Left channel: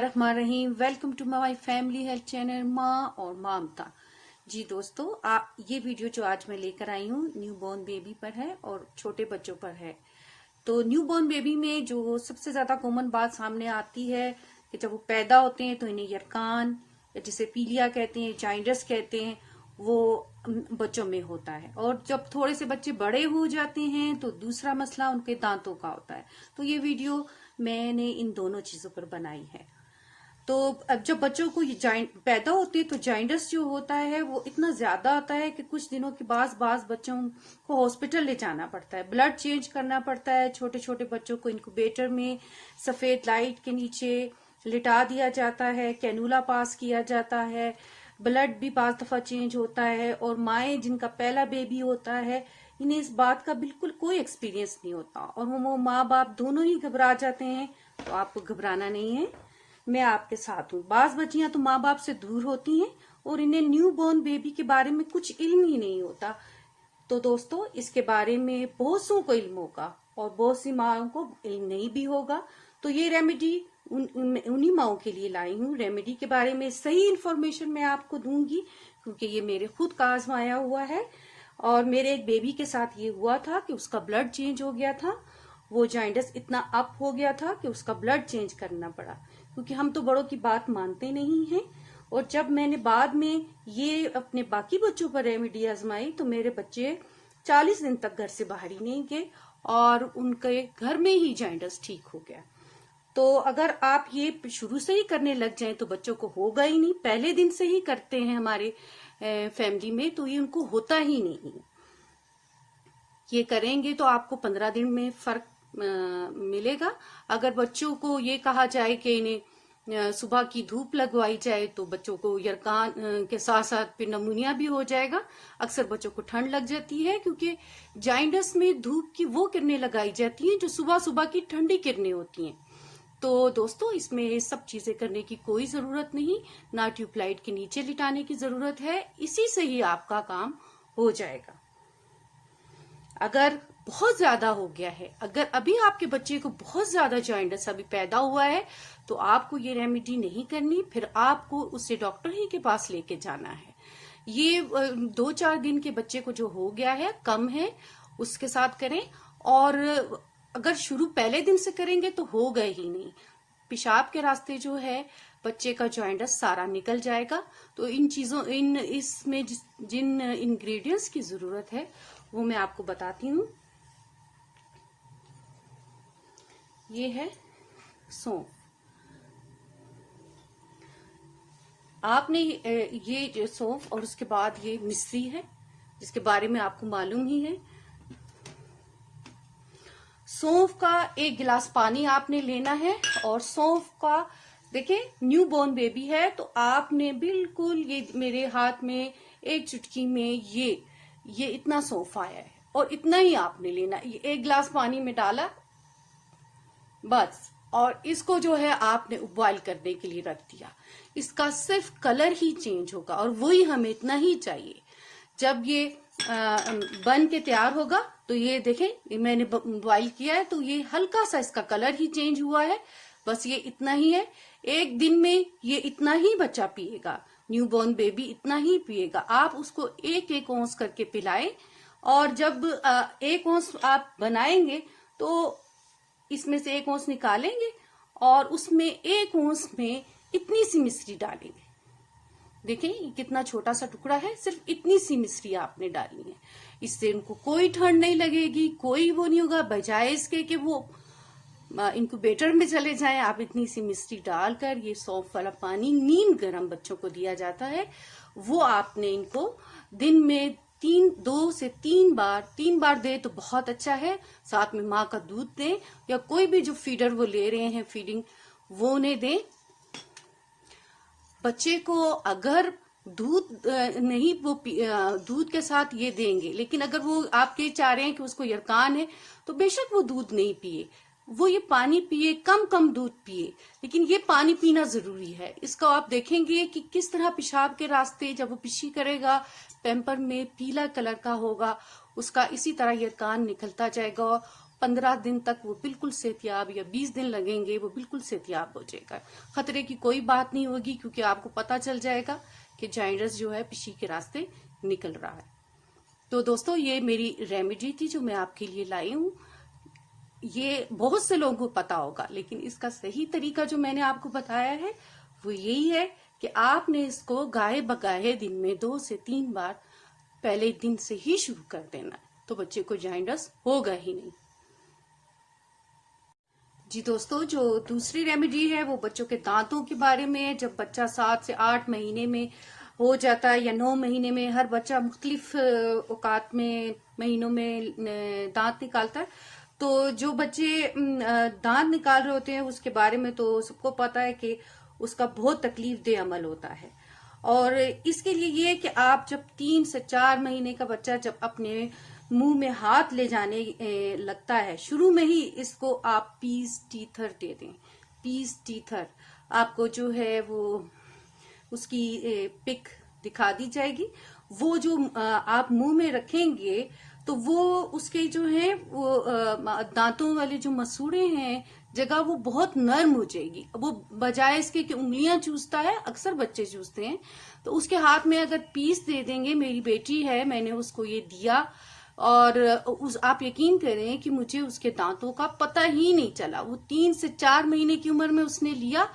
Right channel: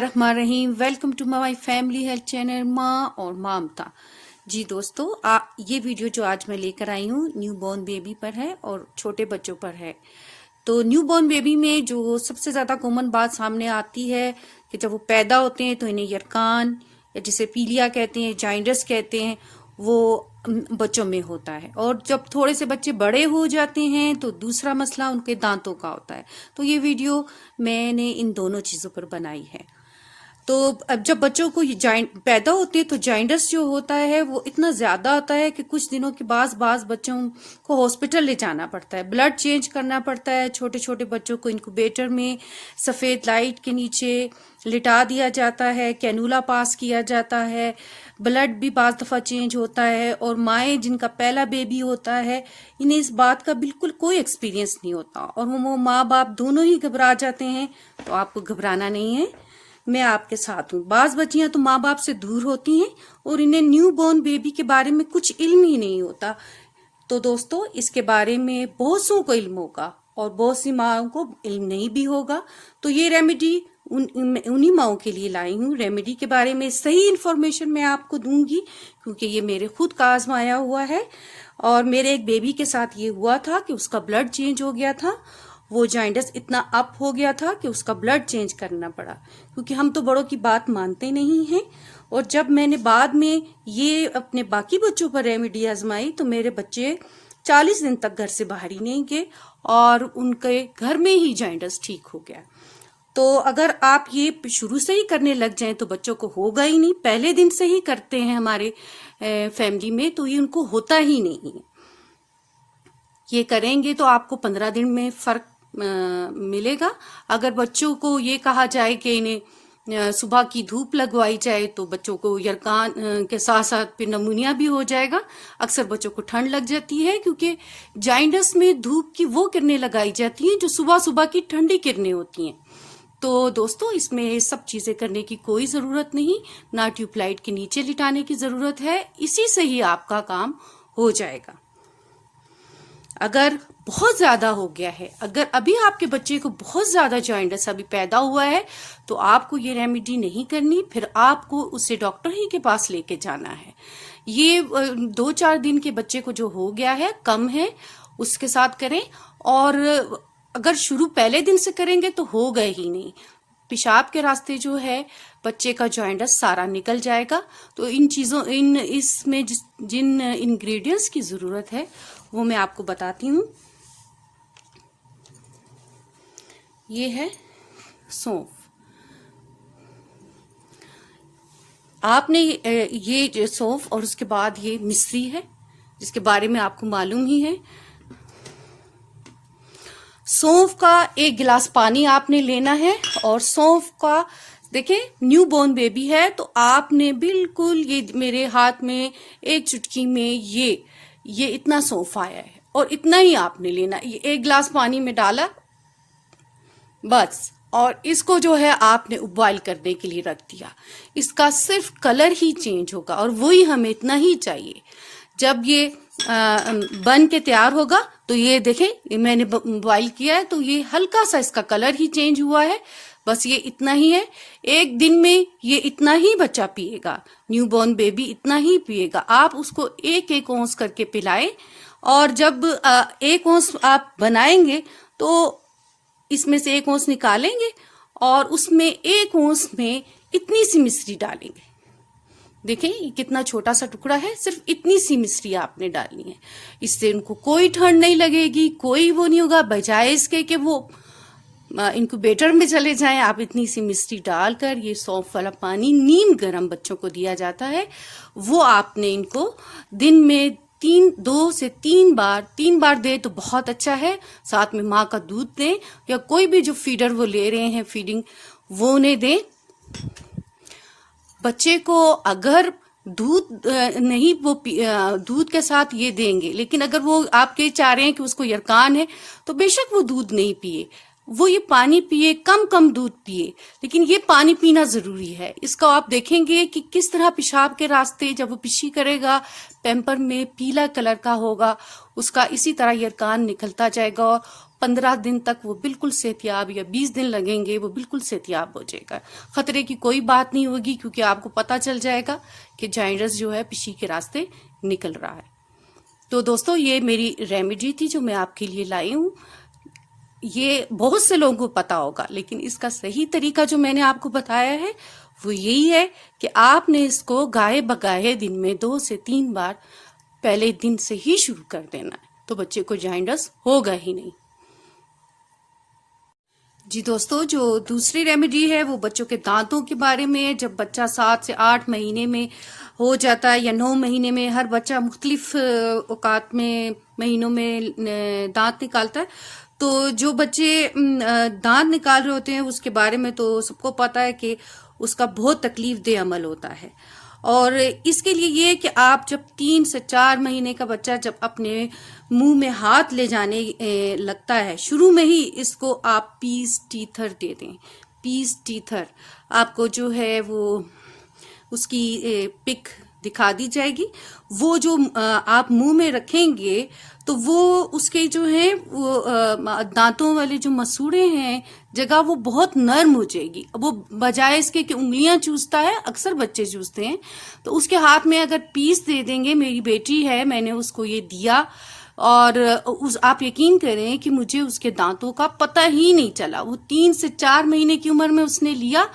बिस्मिल्लाहिर्रहमानिर्रहीम। Welcome to my family health channel माँ और ममता। जी दोस्तों, ये वीडियो जो आज मैं लेकर आई हूँ न्यू बॉर्न बेबी पर है और छोटे बच्चों पर है। तो न्यू बॉर्न बेबी में जो सबसे ज्यादा कॉमन बात सामने आती है कि जब वो पैदा होते हैं तो इन्हें यरकान या जिसे पीलिया कहते हैं, जाइंडस कहते हैं, वो बच्चों में होता है। और जब थोड़े से बच्चे बड़े हो जाते हैं तो दूसरा मसला उनके दांतों का होता है। तो ये वीडियो मैंने इन दोनों चीजों पर बनाई है। तो अब जब बच्चों को पैदा होते हैं तो जाइंडस जो होता है वो इतना ज्यादा होता है कि कुछ दिनों के बाद बच्चों को हॉस्पिटल ले जाना पड़ता है, ब्लड चेंज करना पड़ता है। छोटे छोटे बच्चों को इंक्यूबेटर में सफेद लाइट के नीचे लिटा दिया जाता है, कैनुला पास किया जाता है, ब्लड भी बाज दफा चेंज होता है। और माएँ जिनका पहला बेबी होता है इन्हें इस बात का बिल्कुल कोई एक्सपीरियंस नहीं होता और वो माँ बाप दोनों ही घबरा जाते हैं। तो आपको घबराना नहीं है, मैं आपके साथ हूँ। बाज बच्चियां तो माँ बाप से दूर होती हैं और इन्हें न्यू बॉर्न बेबी के बारे में कुछ इल्म ही नहीं होता। तो दोस्तों, इसके बारे में बहुत सौ को इल्म होगा और बहुत सी माओ को इल्म नहीं भी होगा। तो ये रेमेडी उन्हीं माओ के लिए लाई हूँ। रेमेडी के बारे में सही इन्फॉर्मेशन मैं आपको दूंगी क्योंकि ये मेरे खुद का आजमाया हुआ है। और मेरे एक बेबी के साथ ये हुआ था कि उसका ब्लड चेंज हो गया था, वो जाइंडस इतना अप हो गया था कि उसका ब्लड चेंज करना पड़ा, क्योंकि हम तो बड़ों की बात मानते नहीं हैं। और जब मैंने बाद में ये अपने बाकी बच्चों पर रेमेडी आजमाई तो मेरे बच्चे 40 दिन तक घर से बाहर ही नहीं गए और उनके घर में ही जाइंडस ठीक हो गया। तो अगर आप ये शुरू से ही करने लग जाएं तो बच्चों को होगा ही नहीं। पहले दिन से ही करते हैं हमारे फैमिली में तो ये उनको होता ही नहीं। ये करेंगे तो आपको 15 दिन में फर्क मिलेगा। अगर बच्चों को ये कहा जाए कि इन्हें सुबह की धूप लगवाई जाए तो बच्चों को यरकान के साथ साथ फिर नमूनिया भी हो जाएगा। अक्सर बच्चों को ठंड लग जाती है क्योंकि जाइंडस में धूप की वो किरणें लगाई जाती हैं जो सुबह सुबह की ठंडी किरणें होती हैं। तो दोस्तों, इसमें सब चीजें करने की कोई जरूरत नहीं, ना ट्यूबलाइट के नीचे लिटाने की जरूरत है, इसी से ही आपका काम हो जाएगा। अगर बहुत ज्यादा हो गया है, अगर अभी आपके बच्चे को बहुत ज्यादा जाइंडस अभी पैदा हुआ है तो आपको ये रेमेडी नहीं करनी, फिर आपको उसे डॉक्टर ही के पास लेके जाना है। ये 2-4 दिन के बच्चे को जो हो गया है कम है उसके साथ करें। और अगर शुरू पहले दिन से करेंगे तो हो गए ही नहीं, पेशाब के रास्ते जो है बच्चे का जाइंडस सारा निकल जाएगा। तो इन चीजों इसमें जिन इंग्रेडिएंट्स की जरूरत है वो मैं आपको बताती हूँ। ये है सौंफ। आपने ये सौंफ और उसके बाद ये मिश्री है जिसके बारे में आपको मालूम ही है। सौंफ का 1 गिलास पानी आपने लेना है और सौंफ का देखिए न्यू बॉर्न बेबी है तो आपने बिल्कुल ये मेरे हाथ में 1 चुटकी में ये इतना सौंफ आया है और इतना ही आपने लेना। ये 1 गिलास पानी में डाला बस, और इसको जो है आपने उबॉइल करने के लिए रख दिया। इसका सिर्फ कलर ही चेंज होगा और वही हमें इतना ही चाहिए। जब ये बन के तैयार होगा तो ये देखें मैंने बॉइल किया है तो ये हल्का सा इसका कलर ही चेंज हुआ है, बस ये इतना ही है। 1 दिन में ये इतना ही बच्चा पिएगा, न्यू बॉर्न बेबी इतना ही पिएगा। आप उसको 1-1 औंस करके पिलाएं और जब 1 औंस आप बनाएंगे तो इसमें से 1 औंस निकालेंगे और उसमें 1 औंस में इतनी सी मिश्री डालेंगे। देखें ये कितना छोटा सा टुकड़ा है, सिर्फ इतनी सी मिश्री आपने डालनी है। इससे उनको कोई ठंड नहीं लगेगी, कोई वो नहीं होगा। बजाय इसके कि वो इंक्यूबेटर में चले जाएं, आप इतनी सी मिश्री डालकर ये सौंफ वाला पानी नीम गर्म बच्चों को दिया जाता है वो आपने इनको दिन में 2 से 3 बार दे तो बहुत अच्छा है। साथ में माँ का दूध दें या कोई भी जो फीडर वो ले रहे हैं फीडिंग वो उन्हें दें। बच्चे को अगर दूध नहीं वो दूध के साथ ये देंगे, लेकिन अगर वो आपके चाह रहे हैं कि उसको यरकान है तो बेशक वो दूध नहीं पिए, वो ये पानी पिए, कम दूध पिए, लेकिन ये पानी पीना जरूरी है। इसका आप देखेंगे कि किस तरह पेशाब के रास्ते जब वो पिशी करेगा पैम्पर में पीला कलर का होगा, उसका इसी तरह यरकान निकलता जाएगा 15 दिन तक वो बिल्कुल सेहतियाब, या 20 दिन लगेंगे वो बिल्कुल सेहतियाब हो जाएगा। खतरे की कोई बात नहीं होगी, क्योंकि आपको पता चल जाएगा कि जाइंडस जो है पीछी के रास्ते निकल रहा है। तो दोस्तों, ये मेरी रेमेडी थी जो मैं आपके लिए लाई हूँ। ये बहुत से लोगों को पता होगा, लेकिन इसका सही तरीका जो मैंने आपको बताया है वो यही है कि आपने इसको गाहे बगाहे दिन में 2 से 3 बार पहले दिन से ही शुरू कर देना है, तो बच्चे को जाइंडस होगा ही नहीं। जी दोस्तों, जो दूसरी रेमेडी है वो बच्चों के दांतों के बारे में है। जब बच्चा 7 से 8 महीने में हो जाता है या 9 महीने में, हर बच्चा मुख्तलिफ औकात में महीनों में दांत निकालता है। तो जो बच्चे दांत निकाल रहे होते हैं उसके बारे में तो सबको पता है कि उसका बहुत तकलीफ देह अमल होता है। और इसके लिए ये कि आप जब 3 से 4 महीने का बच्चा जब अपने मुंह में हाथ ले जाने लगता है, शुरू में ही इसको आप पीस टीथर दे दें। पीस टीथर आपको जो है वो उसकी पिक दिखा दी जाएगी। वो जो आप मुंह में रखेंगे तो वो उसके जो है वो दांतों वाले जो मसूड़े हैं जगह वो बहुत नर्म हो जाएगी। वो बजाय इसके कि उंगलियां चूसता है, अक्सर बच्चे चूसते हैं, तो उसके हाथ में अगर पीस दे देंगे। मेरी बेटी है, मैंने उसको ये दिया और आप यकीन करें कि मुझे उसके दांतों का पता ही नहीं चला। वो 3 से 4 महीने की उम्र में उसने लिया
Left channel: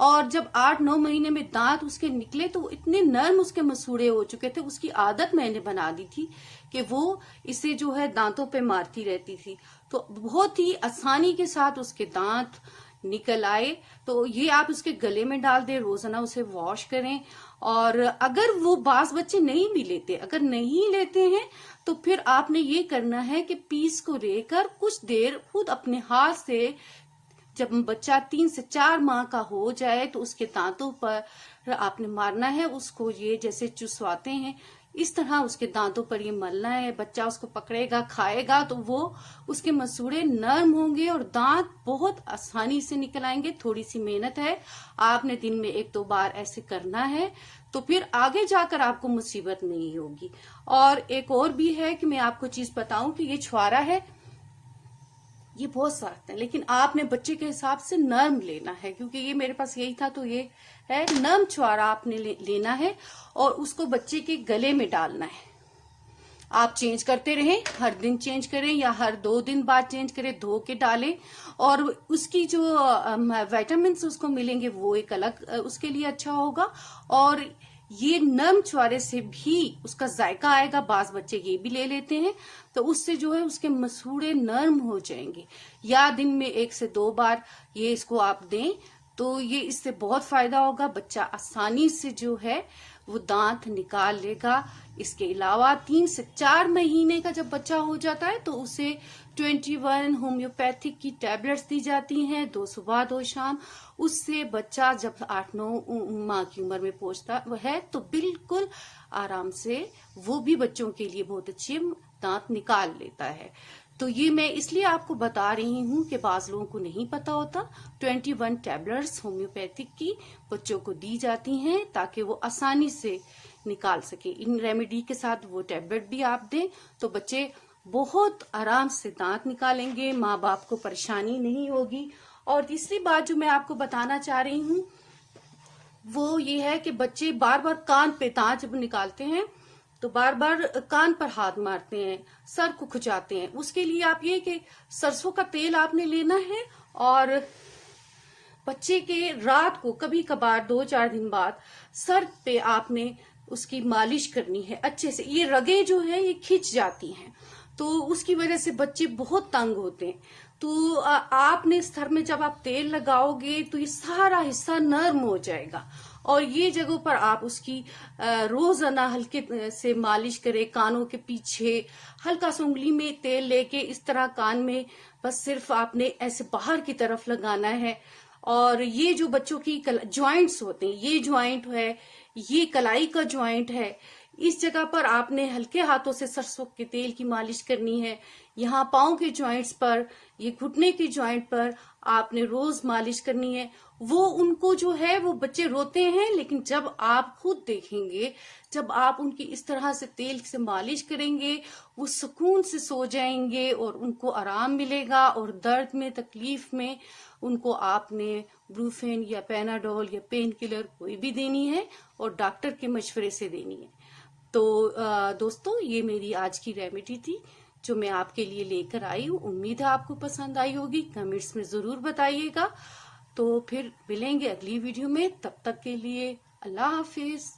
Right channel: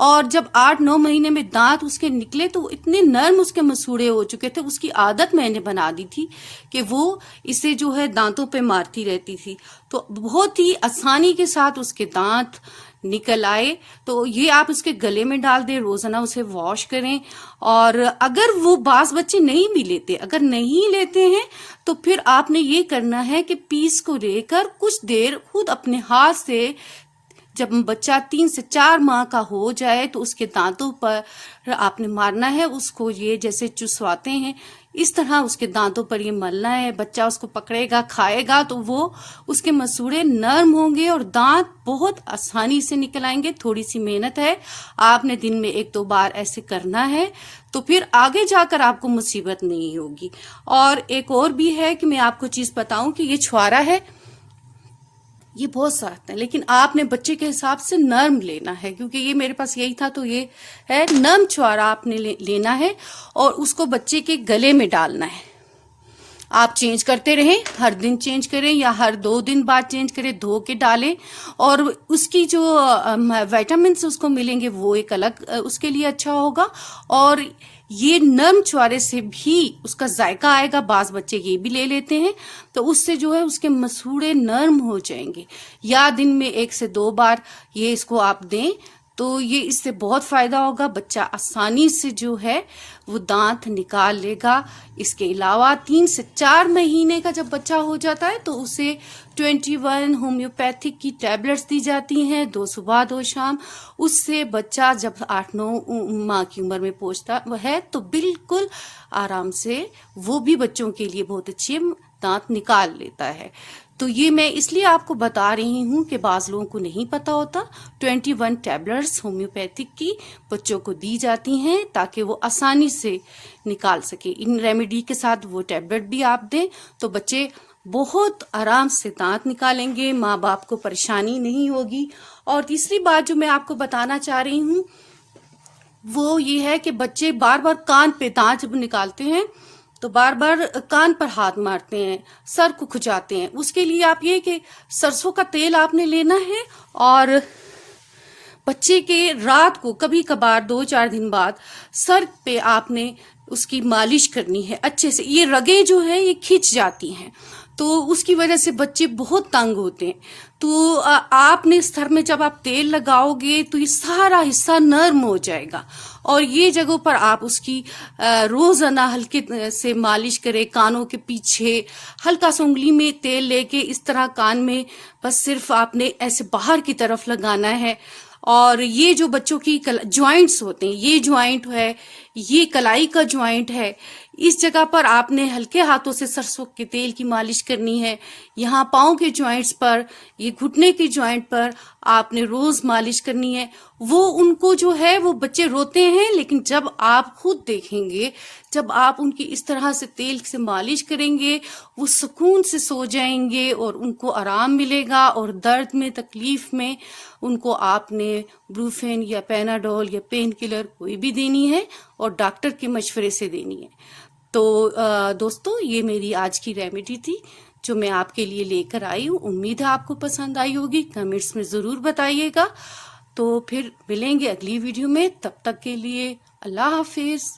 और जब 8-9 महीने में दांत उसके निकले तो इतने नर्म उसके मसूड़े हो चुके थे। उसकी आदत मैंने बना दी थी कि वो इसे जो है दांतों पे मारती रहती थी, तो बहुत ही आसानी के साथ उसके दांत निकल आए। तो ये आप उसके गले में डाल दें, रोजाना उसे वॉश करें। और अगर वो बास बच्चे नहीं भी लेते, अगर नहीं लेते हैं तो फिर आपने ये करना है कि पीस को लेकर कुछ देर खुद अपने हाथ से, जब बच्चा 3 से 4 माह का हो जाए तो उसके दांतों पर आपने मारना है। उसको ये जैसे चुसवाते हैं इस तरह उसके दांतों पर ये मलना है। बच्चा उसको पकड़ेगा, खाएगा तो वो उसके मसूड़े नर्म होंगे और दांत बहुत आसानी से निकल आएंगे। थोड़ी सी मेहनत है, आपने दिन में 1-2 बार ऐसे करना है, तो फिर आगे जाकर आपको मुसीबत नहीं होगी। और एक और भी है कि मैं आपको चीज बताऊं कि ये छुआरा है, ये बहुत सख्त है, लेकिन आपने बच्चे के हिसाब से नर्म लेना है, क्योंकि ये मेरे पास यही था तो ये है। नर्म छुआरा आपने लेना है और उसको बच्चे के गले में डालना है। आप चेंज करते रहें, हर दिन चेंज करें या हर 2 दिन बाद चेंज करें, धो के डालें। और उसकी जो विटामिन उसको मिलेंगे वो एक अलग उसके लिए अच्छा होगा। और ये नर्म छुआरे से भी उसका जायका आएगा। बास बच्चे ये भी ले लेते हैं, तो उससे जो है उसके मसूड़े नर्म हो जाएंगे। या दिन में 1 से 2 बार ये इसको आप दें तो ये इससे बहुत फायदा होगा। बच्चा आसानी से जो है वो दांत निकाल लेगा। इसके अलावा 3 से 4 महीने का जब बच्चा हो जाता है तो उसे 21 होम्योपैथिक की टैबलेट्स दी जाती हैं, 2 सुबह 2 शाम। उससे बच्चा जब 8-9 माह की उम्र में पहुंचता है तो बिल्कुल आराम से वो भी बच्चों के लिए बहुत अच्छे दांत निकाल लेता है। तो ये मैं इसलिए आपको बता रही हूँ कि बाज लोगों को नहीं पता होता। 21 टैबलेट्स होम्योपैथिक की बच्चों को दी जाती हैं ताकि वो आसानी से निकाल सके। इन रेमेडी के साथ वो टैबलेट भी आप दें तो बच्चे बहुत आराम से दांत निकालेंगे, माँ बाप को परेशानी नहीं होगी। और तीसरी बात जो मैं आपको बताना चाह रही हूँ वो ये है कि बच्चे बार बार कान पे दांत जब निकालते हैं तो बार बार कान पर हाथ मारते हैं, सर को खुजाते हैं। उसके लिए आप ये कि सरसों का तेल आपने लेना है और बच्चे के रात को कभी कभार 2-4 दिन बाद सर पे आपने उसकी मालिश करनी है अच्छे से। ये रगें जो है ये खिंच जाती हैं तो उसकी वजह से बच्चे बहुत तंग होते हैं। तो आपने सर में जब आप तेल लगाओगे तो ये सारा हिस्सा नर्म हो जाएगा और ये जगहों पर आप उसकी रोजाना हल्के से मालिश करें। कानों के पीछे हल्का सा उंगली में तेल लेके इस तरह कान में बस सिर्फ आपने ऐसे बाहर की तरफ लगाना है। और ये जो बच्चों की जॉइंट्स होते हैं, ये जॉइंट है, ये कलाई का जॉइंट है, इस जगह पर आपने हल्के हाथों से सरसों के तेल की मालिश करनी है। यहाँ पाँव के जॉइंट्स पर, ये घुटने के जॉइंट पर आपने रोज मालिश करनी है। वो उनको जो है, वो बच्चे रोते हैं, लेकिन जब आप खुद देखेंगे, जब आप उनकी इस तरह से तेल से मालिश करेंगे, वो सुकून से सो जाएंगे और उनको आराम मिलेगा। और दर्द में, तकलीफ में उनको आपने ब्रूफेन या पैनाडोल या पेन किलर कोई भी देनी है और डॉक्टर के मशवरे से देनी है। तो दोस्तों, ये मेरी आज की रेमेडी थी जो मैं आपके लिए लेकर आई हूँ। उम्मीद है आपको पसंद आई होगी। कमेंट्स में जरूर बताइएगा। तो फिर मिलेंगे अगली वीडियो में। तब तक के लिए अल्लाह हाफिज।